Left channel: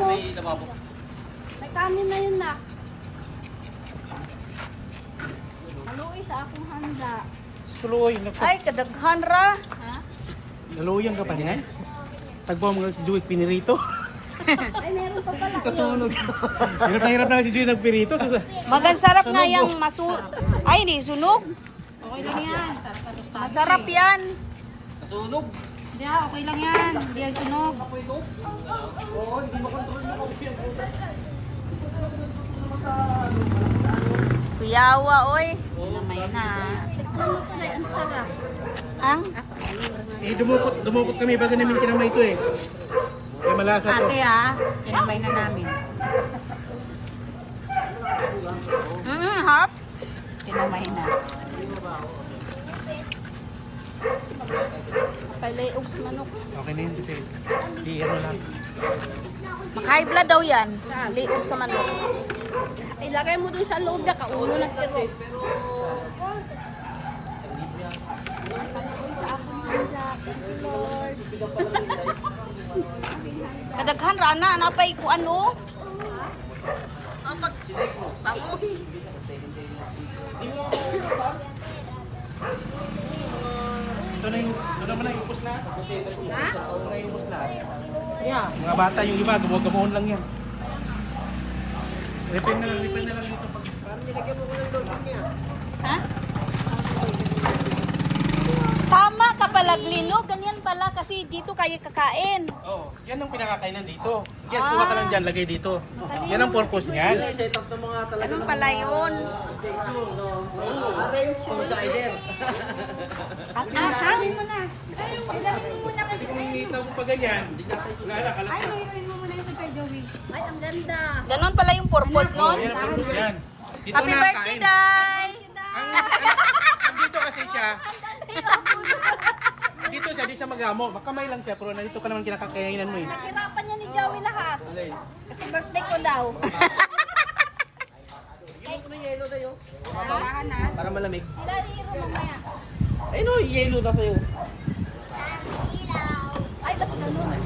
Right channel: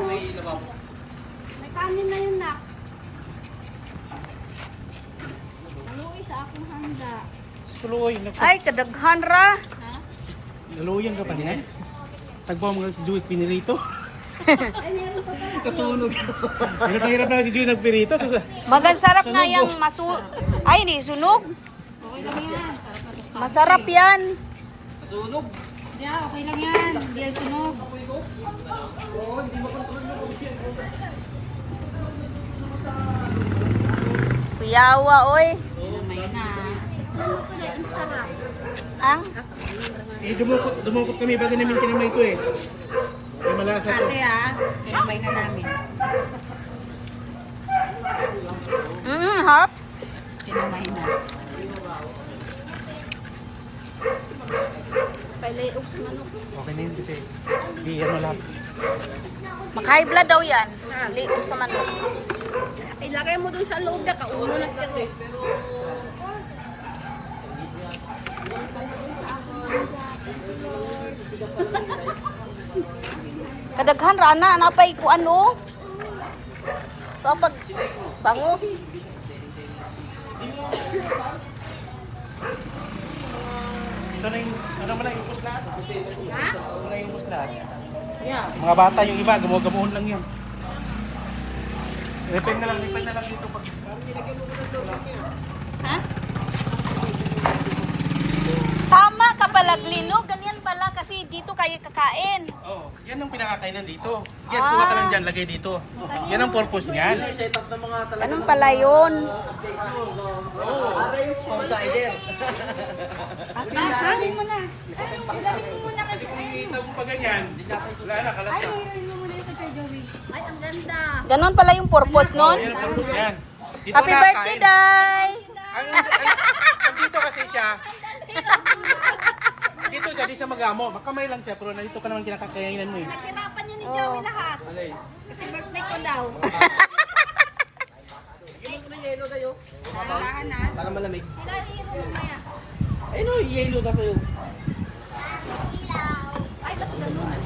mo. May lababo. May kanin na yun na. Haluin sa akong handa. Tuloy, Ay, kadaghan ra. Ha? naluyan ka pa niya. Tagpo mo si Juit pinirito. Ay, meron pa pala. Kasunog. hirap na hirap na si Juit nagpirito. Magan sarap nga yung masu... Ay, di sunog. Okay lang yan. Masarap yan. Nasunog. Hindi, ah, okay lang yan. Hindi yan sinog. Kuyawa, oy. May na. Ano ko na installa? Ang? eh, dumukot, dumukot kami bago namin kinamay ito eh. Ay, malasa to. Ate ah, kinabay na namin. Mm, harap. Kinamay na. Pailayog sa manok. Okay na yun kasi. Di ano na. Maka-high blood daw yan. Liog sa manok. Ilagay mo dun sa loob na kaulo na siya. Kadaghan ra na napay ko ano. Kapag bangus. Ito na yung, ito naman na yung upos na. Ito na yung upos na. Mga bata yung iba, gumugamuhon lang yan. Ipin na lang, ipin na lang dito pag... Ha? Tama ka pala, Glino. Ganyan pala kasi dito kayo kakain. Oh, yan ang pinakakainan dito. Yan, kuha ka lang dyan, lagay dito. Yan ang purpose niyan. Ganun pala yun. Ah, sabihin mo na. Ilamin mo muna kasi. Ito pa ganyan. Wala na, kalat Ay, ilamin mo muna ito kay Joey. Ay, ang ganda. Ganun pala yung purpose nun. Happy birthday. Day! Dito kasi siya. Dito sabi siya mag-amo. Makamay lang siya, pero nandito ka naman kinakakainan mo eh. Hirapan niya ni Joey lahat. Kasi birthday ko daw. Dahan na. Para malamig. Ilalim mo mamaya. Ay no, yellow na sa'yo. Ba't ganun?